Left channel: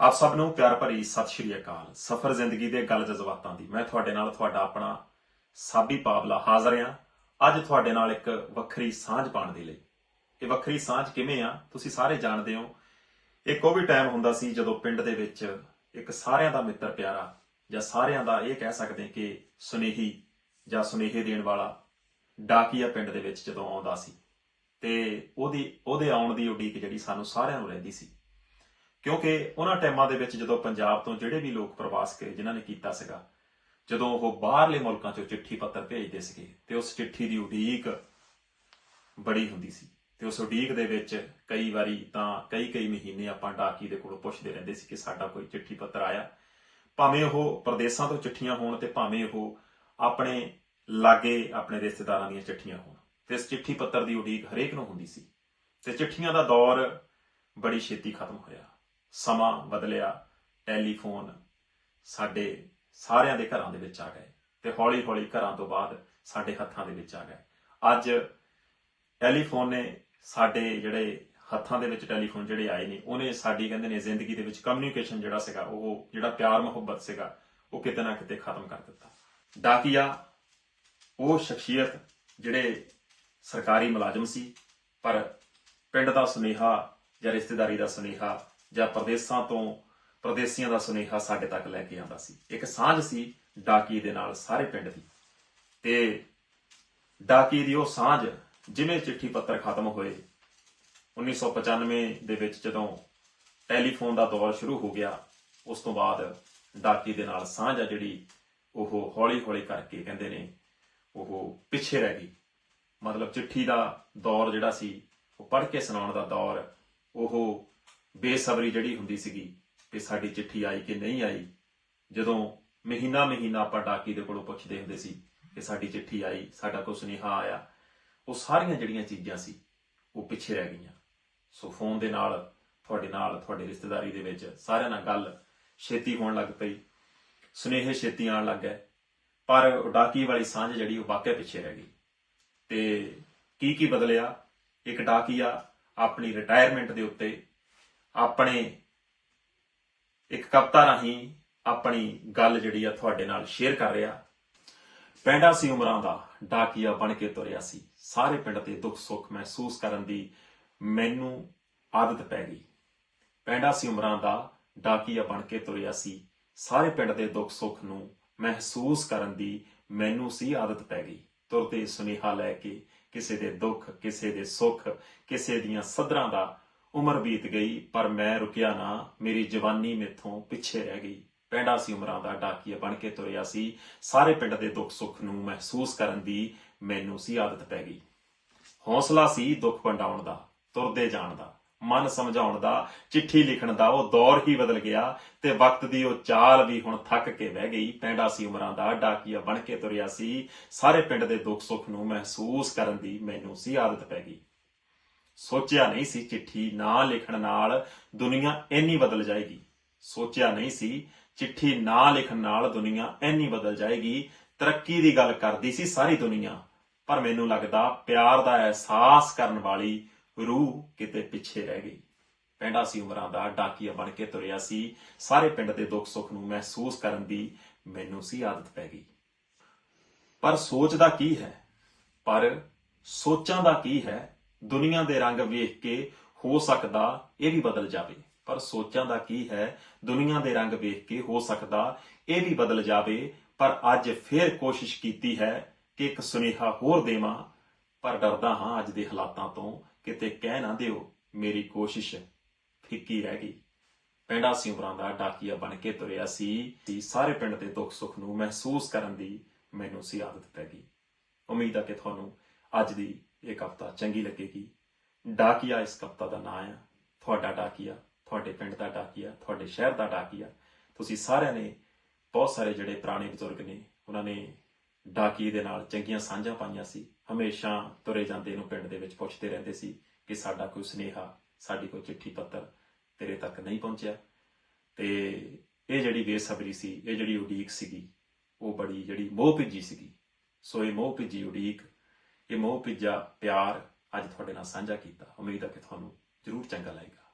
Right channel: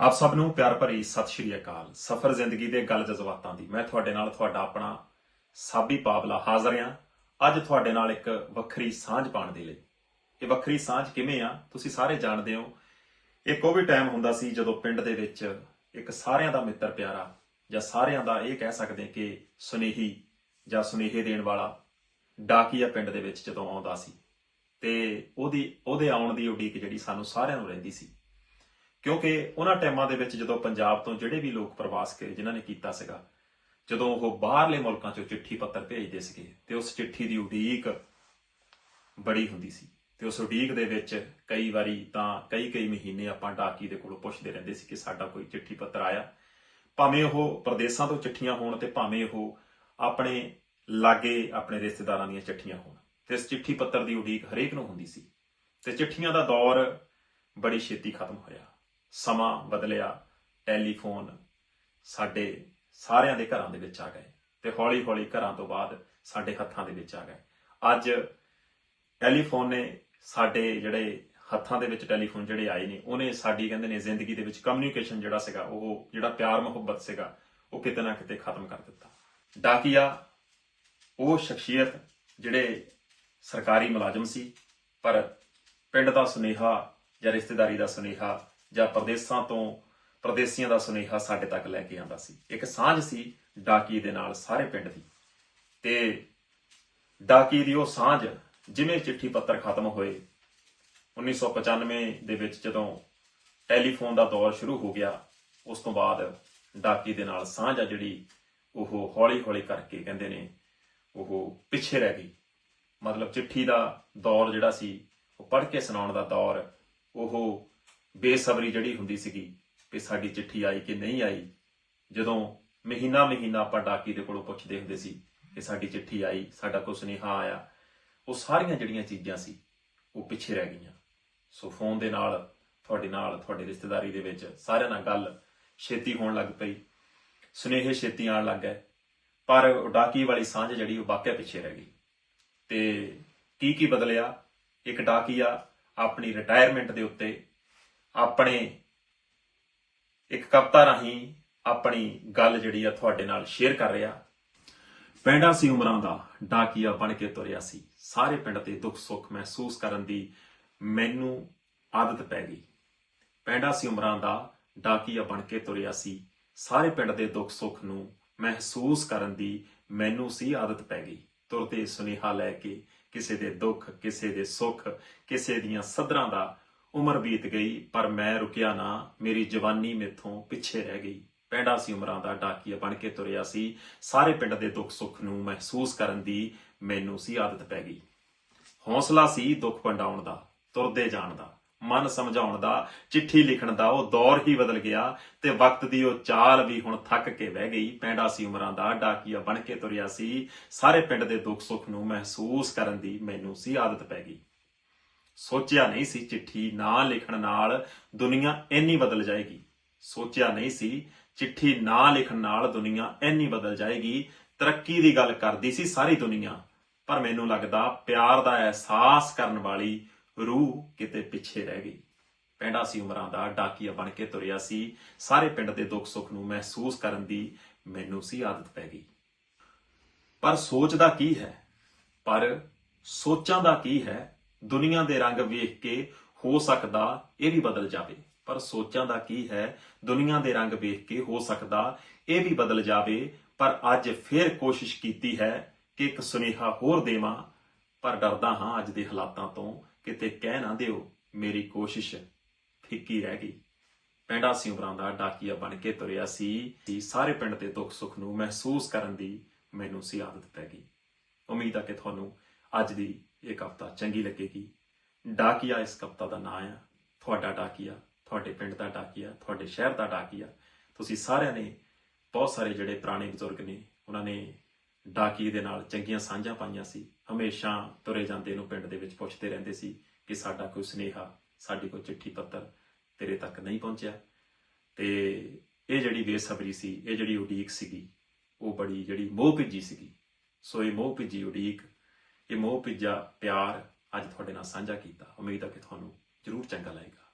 ਆਪ ਸਭ ਨੂੰ ਪਿਆਰ ਭਰੀ ਸਤਿ ਸ਼੍ਰੀ ਅਕਾਲ। ਸਫਰ ਜ਼ਿੰਦਗੀ ਦੇ ਗੱਲ ਜਜ਼ਬਾਤਾਂ ਦੀ। ਮੈਂ ਤੁਹਾਡੇ ਨਾਲ ਤੁਹਾਡਾ ਆਪਣਾ ਸਾਬੀ ਪਾਵਲਾ ਹਾਜ਼ਰ ਹਾਂ। ਅੱਜ ਤੁਹਾਡੇ ਨਾਲ ਇੱਕ ਵੱਖਰੀ ਸਾਂਝ ਪਾਉਣ ਦੇ ਲਈ। ਇਹ ਵੱਖਰੀ ਸਾਂਝ ਕਿਵੇਂ ਆ, ਤੁਸੀਂ ਸਾਰੇ ਜਾਣਦੇ ਹੋ। ਇੱਕ ਉਹ ਵੀ ਟਾਈਮ ਹੁੰਦਾ ਸੀ ਜਦੋਂ ਪਿੰਡ ਦੇ ਵਿੱਚ ਇੱਕ ਸਾਰਿਆਂ ਦਾ ਮਿੱਤਰ ਪਿਆਰਾ ਜਾਂ ਸਾਰਿਆਂ ਦਾ ਇਹ ਕਹਿ ਸਕਦੇ ਕਿ ਸੁਨੇਹੀ ਜਾਂ ਸੁਨੇਹੇ ਦੇਣ ਵਾਲਾ ਡਾਕੀਆ ਪਿੰਡ ਦੇ ਵਿੱਚ ਜਦੋਂ ਆਉਂਦਾ ਸੀ। ਤੇ ਉਹਦੀ ਉਹਦੇ ਆਉਣ ਦੀ ਉਡੀਕ ਜਿਹੜੀ ਸਾਨੂੰ ਸਾਰਿਆਂ ਨੂੰ ਰਹਿੰਦੀ ਸੀ। ਕਿਉਂਕਿ ਉਹਨਾਂ ਟਾਈਮਾਂ ਦੇ ਵਿੱਚ ਜਦੋਂ ਪੰਜਾਬ ਤੋਂ ਜਿਹੜੇ ਵੀ ਲੋਕ ਪ੍ਰਵਾਸ ਕਰੇ, ਜਿਨ੍ਹਾਂ ਨੇ ਕੀਤਾ ਸੀਗਾ, ਜਦੋਂ ਉਹ ਬਾਹਰਲੇ ਮੁਲਕਾਂ ਚੋਂ ਚਿੱਠੀ ਪੱਤਰ ਭੇਜਦੇ ਸੀਗੇ, ਤੇ ਉਸ ਚਿੱਠੀ ਦੀ ਉਡੀਕ ਬੜੀ ਹੁੰਦੀ ਸੀ। ਤੇ ਉਸ ਉਡੀਕ ਦੇ ਵਿੱਚ ਕਈ ਵਾਰੀ ਤਾਂ ਕਈ ਕਈ ਮਹੀਨੇ ਆਪਾਂ ਡਾਕੀ ਦੇ ਕੋਲੋਂ ਪੁੱਛਦੇ ਰਹਿੰਦੇ ਸੀ ਕਿ ਸਾਡਾ ਕੋਈ ਚਿੱਠੀ ਪੱਤਰ ਆਇਆ। ਭਾਵੇਂ ਉਹ ਪ੍ਰਦੇਸਾਂ ਤੋਂ ਚਿੱਠੀਆਂ ਹੋਣ ਤੇ ਭਾਵੇਂ ਉਹ ਆਪਣੇ ਲਾਗੇ ਆਪਣੇ ਰਿਸ਼ਤੇਦਾਰਾਂ ਦੀਆਂ ਚਿੱਠੀਆਂ ਹੋਣ। ਤੇ ਇਸ ਚਿੱਠੀ ਪੱਤਰ ਦੀ ਉਡੀਕ ਹਰੇਕ ਨੂੰ ਹੁੰਦੀ ਸੀ। ਤੇ ਚਿੱਠੀਆਂ ਦਾ ਦੌਰ ਬੜੀ ਛੇਤੀ ਖਤਮ ਹੋਇਆ। ਸਮਾਂ ਬਦਲਿਆ, ਟੈਲੀਫੋਨ ਸਾਡੇ ਸਾਰਿਆਂ ਦੇ ਘਰਾਂ ਦੇ ਵਿੱਚ ਆ ਗਏ ਤੇ ਹੌਲੀ-ਹੌਲੀ ਘਰਾਂ ਤੋਂ ਬਾਅਦ ਸਾਡੇ ਹੱਥਾਂ ਦੇ ਵਿੱਚ ਆ ਗਏ। ਅੱਜ ਟੈਲੀਫੋਨ ਨੇ ਸਾਡੇ ਜਿਹੜੇ ਹੱਥਾਂ ਦੇ ਵਿੱਚ ਟੈਲੀਫੋਨ ਜਿਹੜੇ ਆਏ ਨੇ, ਉਹਨੇ ਸਾਡੀ ਕਹਿੰਦੇ ਨੇ ਜ਼ਿੰਦਗੀ ਦੇ ਵਿੱਚ ਕਮਿਊਨੀਕੇਸ਼ਨ ਜਿਹੜਾ ਸੀਗਾ, ਉਹ ਜਿਹੜਾ ਪਿਆਰ ਮੁਹੱਬਤ ਸੀਗਾ, ਉਹ ਕਿਤੇ ਨਾ ਕਿਤੇ ਖਤਮ ਕਰ ਦਿੱਤਾ। ਡਾਕੀਆ, ਉਹ ਸ਼ਖਸੀਅਤ ਜਿਹੜੇ ਸਰਕਾਰੀ ਮੁਲਾਜ਼ਮ ਸੀ, ਪਰ ਪਿੰਡ ਦਾ ਸੁਨੇਹਾ ਜਾਂ ਰਿਸ਼ਤੇਦਾਰੀ ਦਾ ਸੁਨੇਹਾ ਜਾਂ ਪ੍ਰਦੇਸਾਂ ਤੋਂ ਪ੍ਰਦੇਸੀਆਂ ਦਾ ਸੁਨੇਹਾ ਸਾਡੇ ਤੱਕ ਲੈ ਕੇ ਆਂਦਾ ਸੀ। ਇੱਕ ਸਾਂਝ ਸੀ ਡਾਕੀ ਦੇ ਨਾਲ ਸਾਰੇ ਪਿੰਡ ਦੀ। ਤੇ ਡਾਕੀ ਦੀ ਉਹ ਸਾਂਝ ਜਿਵੇਂ ਚਿੱਠੀ ਪੱਤਰ ਖਤਮ ਹੋਏ 1995 ਦੇ ਵਿੱਚ ਜਦੋਂ ਟੈਲੀਫੋਨ ਦਾ ਦੌਰ ਸ਼ੁਰੂ ਹੋ ਗਿਆ, ਉਸ ਤੋਂ ਬਾਅਦ ਡਾਕੀ ਦੇ ਨਾਲ ਸਾਂਝ ਆ ਜਿਹੜੀ ਉਹ ਹੌਲੀ-ਹੌਲੀ ਕਰਕੇ ਕਹਿੰਦੇ ਨੇ ਉਹ ਪਿੱਛੇ ਰਹਿ ਗਈ। ਮਤਲਬ ਚਿੱਠੀ ਦਾ ਦੌਰ ਜਿਹੜਾ ਸੀ, ਉਹ ਪੜ੍ਹ ਕੇ ਸੁਣਾਉਣ ਦਾ ਦੌਰ, ਉਹ ਬੇਸਬਰੀ ਜਿਹੜੀ ਹੁੰਦੀ ਸੀਗੀ ਕਿ ਸਾਡੀ ਚਿੱਠੀ ਆਈ ਕਿ ਨਹੀਂ ਆਈ, ਜਦੋਂ ਮਹੀਨਾ ਮਹੀਨਾ ਆਪਾਂ ਡਾਕੀ ਦੇ ਕੋਲੋਂ ਪੁੱਛਦੇ ਹੁੰਦੇ ਸੀ ਕਿ ਸਾਡੀ ਚਿੱਠੀ ਆਈ, ਸਾਡਾ ਕੋਈ ਸੁਨੇਹਾ ਆਇਆ, ਉਹ ਸਾਰੀਆਂ ਜਿਹੜੀਆਂ ਚੀਜ਼ਾਂ ਸੀ, ਉਹ ਪਿੱਛੇ ਰਹਿ ਗਈਆਂ। ਸੋ ਫੋਨ ਦੇ ਨਾਲ, ਤੁਹਾਡੇ ਨਾਲ, ਤੁਹਾਡੇ ਰਿਸ਼ਤੇਦਾਰੀ ਦੇ ਵਿੱਚ ਸਾਰਿਆਂ ਨਾਲ ਗੱਲ ਛੇਤੀ ਹੋਣ ਲੱਗ ਪਈ, ਸੁਨੇਹੇ ਛੇਤੀ ਆਉਣ ਲੱਗ ਗਏ, ਪਰ ਡਾਕੀ ਵਾਲੀ ਸਾਂਝ ਜਿਹੜੀ ਉਹ ਵਾਕਿਆ ਪਿੱਛੇ ਰਹਿ ਗਈ। ਤੇ ਕੀ ਕੀ ਬਦਲਿਆ? ਇੱਕ ਡਾਕੀਆ ਆਪਣੀ ਰਿਟਾਇਰਮੈਂਟ ਦੇ ਉੱਤੇ ਆਪਣੇ ਇੱਕ ਕਵਿਤਾ ਰਾਹੀਂ ਆਪਣੀ ਗੱਲ ਜਿਹੜੀ ਆ ਤੁਹਾਡੇ ਨਾਲ ਸ਼ੇਅਰ ਕਰ ਰਿਹਾ। ਪਿੰਡਾਂ ਸੀ ਉਮਰਾਂ ਦਾ, ਡਾਕੀਆ ਬਣ ਕੇ ਤੁਰਿਆ ਸੀ। ਸਾਰੇ ਪਿੰਡ ਤੇ ਦੁੱਖ ਸੁੱਖ ਮਹਿਸੂਸ ਕਰਨ ਦੀ ਮੈਨੂੰ ਆਦਤ ਪੈ ਗਈ। ਪਿੰਡਾਂ ਸੀ ਉਮਰਾਂ ਦਾ, ਡਾਕੀਆ ਬਣ ਕੇ ਤੁਰਿਆ ਸੀ। ਸਾਰੇ ਪਿੰਡ ਦੇ ਦੁੱਖ ਸੁੱਖ ਨੂੰ ਮਹਿਸੂਸ ਕਰਨ ਦੀ ਮੈਨੂੰ ਸੀ ਆਦਤ ਪੈ ਗਈ। ਤੁਰਦੇ ਸੁਨੇਹਾ ਲੈ ਕੇ ਕਿਸੇ ਦੇ ਦੁੱਖ, ਕਿਸੇ ਦੇ ਸੁੱਖ, ਕਿਸੇ ਦੀਆਂ ਸਦਰਾਂ ਦਾ ਉਮਰ ਬੀਤ ਗਈ, ਪਰ ਮੈਂ ਰੁਕਿਆ ਨਾ। ਮੇਰੀ ਜਵਾਨੀ ਮੇਥੋਂ ਪਿੱਛੇ ਰਹਿ ਗਈ। ਪਿੰਡਾਂ ਸੀ ਉਮਰਾਂ ਦਾ, ਡਾਕੀਆ ਬਣ ਕੇ ਤੁਰਿਆ ਸੀ। ਸਾਰੇ ਪਿੰਡ ਦੇ ਦੁੱਖ ਸੁੱਖ ਨੂੰ ਮਹਿਸੂਸ ਕਰਨ ਦੀ ਮੈਨੂੰ ਸੀ ਆਦਤ ਪੈ ਗਈ। ਹੌਸਲਾ ਸੀ ਦੁੱਖ ਵੰਡਾਉਣ ਦਾ, ਤੁਰਦੇ ਜਾਣ ਦਾ, ਮਨ ਸਮਝਾਉਣ ਦਾ, ਚਿੱਠੀ ਲਿਖਣ ਦਾ। ਉਹ ਦੌਰ ਹੀ ਬਦਲ ਗਿਆ ਤੇ ਵਕਤ ਦੀ ਉਹ ਚਾਲ ਵੀ ਹੁਣ ਥੱਕ ਕੇ ਬਹਿ ਗਈ। ਪੈਂਡਾ ਸੀ ਉਮਰਾਂ ਦਾ, ਡਾਕੀਆ ਬਣ ਕੇ ਤੁਰਿਆ ਸੀ। ਸਾਰੇ ਪਿੰਡ ਦੇ ਦੁੱਖ ਸੁੱਖ ਨੂੰ ਮਹਿਸੂਸ ਕਰਨ ਦੀ ਮੈਨੂੰ ਸੀ ਆਦਤ ਪੈ ਗਈ। ਸੋਚਿਆ ਨਹੀਂ ਸੀ ਚਿੱਠੀ ਨਾ ਲਿਖਣ ਨਾਲ ਦੁਨੀਆ ਇੰਨੀ ਬਦਲ ਜਾਏਗੀ। ਸੋਚਿਆ ਨਹੀਂ ਸੀ ਚਿੱਠੀ ਨਾ ਲਿਖਣ ਨਾਲ ਦੁਨੀਆ ਇੰਨੀ ਬਦਲ ਜਾਏਗੀ। ਤਰੱਕੀ ਦੀ ਗੱਲ ਕਰਦੀ ਸੀ ਸਾਰੀ ਦੁਨੀਆ, ਪਰ ਮੈਨੂੰ ਲੱਗਦਾ ਪਿਆਰ ਦਾ ਅਹਿਸਾਸ ਕਰਨ ਵਾਲੀ ਰੂਹ ਕਿਤੇ ਪਿੱਛੇ ਰਹਿ ਗਈ। ਪਿੰਡਾਂ ਸੀ ਉਮਰਾਂ ਦਾ, ਡਾਕੀਆ ਬਣ ਕੇ ਤੁਰਿਆ ਸੀ। ਸਾਰੇ ਪਿੰਡ ਦੇ ਦੁੱਖ ਸੁੱਖ ਨੂੰ ਮਹਿਸੂਸ ਕਰਨ ਦੀ ਮੈਨੂੰ ਸੀ ਆਦਤ ਪੈ ਗਈ। ਪਰ ਸੋਚਦਾ ਕੀ ਹੈ? ਪਰ ਸੋਚਾਂ ਦਾ ਕੀ ਹੈ? ਦੁਨੀਆ ਦੇ ਰੰਗ ਵੇਖ ਕੇ ਹੋ ਸਕਦਾ ਇਹ ਵੀ ਬਦਲ ਜਾਵੇ। ਪਰ ਸੋਚਾਂ ਦਾ ਕੀ ਹੈ? ਦੁਨੀਆ ਦੇ ਰੰਗ ਵੇਖ ਕੇ ਹੋ ਸਕਦਾ ਇਹ ਵੀ ਬਦਲ ਜਾਵੇ। ਪਰ ਅੱਜ ਫਿਰ ਕੋਸ਼ਿਸ਼ ਕੀਤੀ ਹੈ ਕਿ ਇੱਕ ਸੁਨੇਹਾ ਹੋਰ ਦੇਵਾਂ। ਪਰ ਡਰਦਾ ਹਾਂ ਅੱਜ ਦੇ ਹਾਲਾਤਾਂ ਤੋਂ ਕਿਤੇ ਕਹਿ ਨਾ ਦਿਓ, ਮੇਰੀ ਕੋਸ਼ਿਸ਼ ਫਿੱਕੀ ਰਹਿ ਗਈ। ਪਿੰਡਾਂ ਸੀ ਦਾ ਡਾਕੀਆ ਬਣ ਕੇ ਤੁਰਿਆ ਸੀ। ਸਾਰੇ ਪਿੰਡ ਦੇ ਦੁੱਖ ਸੁੱਖ ਨੂੰ ਮਹਿਸੂਸ ਕਰਨ ਦੀ ਮੈਨੂੰ ਸੀ ਆਦਤ ਪੈ ਗਈ। ਉਮੀਦ ਆ ਕਿ ਤੁਹਾਨੂੰ ਅੱਜ ਦੀ ਇਹ ਕਵਿਤਾ ਚੰਗੀ ਲੱਗੇਗੀ। ਡਾਕੀਆ ਇਸ ਕਵਿਤਾ ਦਾ ਨਾਮ ਆ। ਤੁਹਾਡਾ ਡਾਕੀਆ, ਤੁਹਾਡੇ ਪਿੰਡ ਦਾ ਡਾਕੀਆ, ਤੁਹਾਡੇ ਸ਼ਹਿਰ ਦਾ ਡਾਕੀਆ। ਤੁਸੀਂ ਸਾਰਿਆਂ ਨੇ ਬਹੁਤ ਸਾਰੇ ਜਿਹੜੇ ਪੁਰਾਣੇ ਬਜ਼ੁਰਗ ਨੇ, ਉਹਨਾਂ ਨੇ ਡਾਕੀ ਦੇ ਨਾਲ ਚੰਗੀਆਂ ਸਾਂਝਾਂ ਪਾਈਆਂ ਸੀ। ਹਮੇਸ਼ਾ ਤੁਰੇ ਜਾਂਦੇ ਨੂੰ ਪਿੰਡ ਦੇ ਵਿੱਚ ਪੁੱਛਦੇ ਰਹਿੰਦੇ ਸੀ ਕਿ ਸਾਡਾ ਕੋਈ ਸੁਨੇਹਾ, ਸਾਡੀ ਕੋਈ ਚਿੱਠੀ ਪੱਤਰ ਤੇਰੇ ਤੱਕ ਨਹੀਂ ਪਹੁੰਚਿਆ। ਤੇ ਇਹ ਜਿਹੜੀ ਬੇਸਬਰੀ ਸੀ, ਇਹ ਜਿਹੜੀ ਉਡੀਕ ਸੀਗੀ, ਉਹ ਬੜੀ ਜਿਹੜੀ ਮੋਹ ਭਿੱਜੀ ਸੀਗੀ। ਸੋ ਇਹ ਮੋਹ ਭਿੱਜੀ ਉਡੀਕ ਇਹ ਮੋਹ, ਭਿੱਜਾ, ਪਿਆਰ ਅੱਜ ਤੁਹਾਡੇ ਨਾਲ ਸਾਂਝਾ ਕੀਤਾ। ਉਮੀਦ ਹੈ ਕਿ ਤੁਹਾਨੂੰ ਜ਼ਰੂਰ ਚੰਗਾ ਲੱਗੇਗਾ।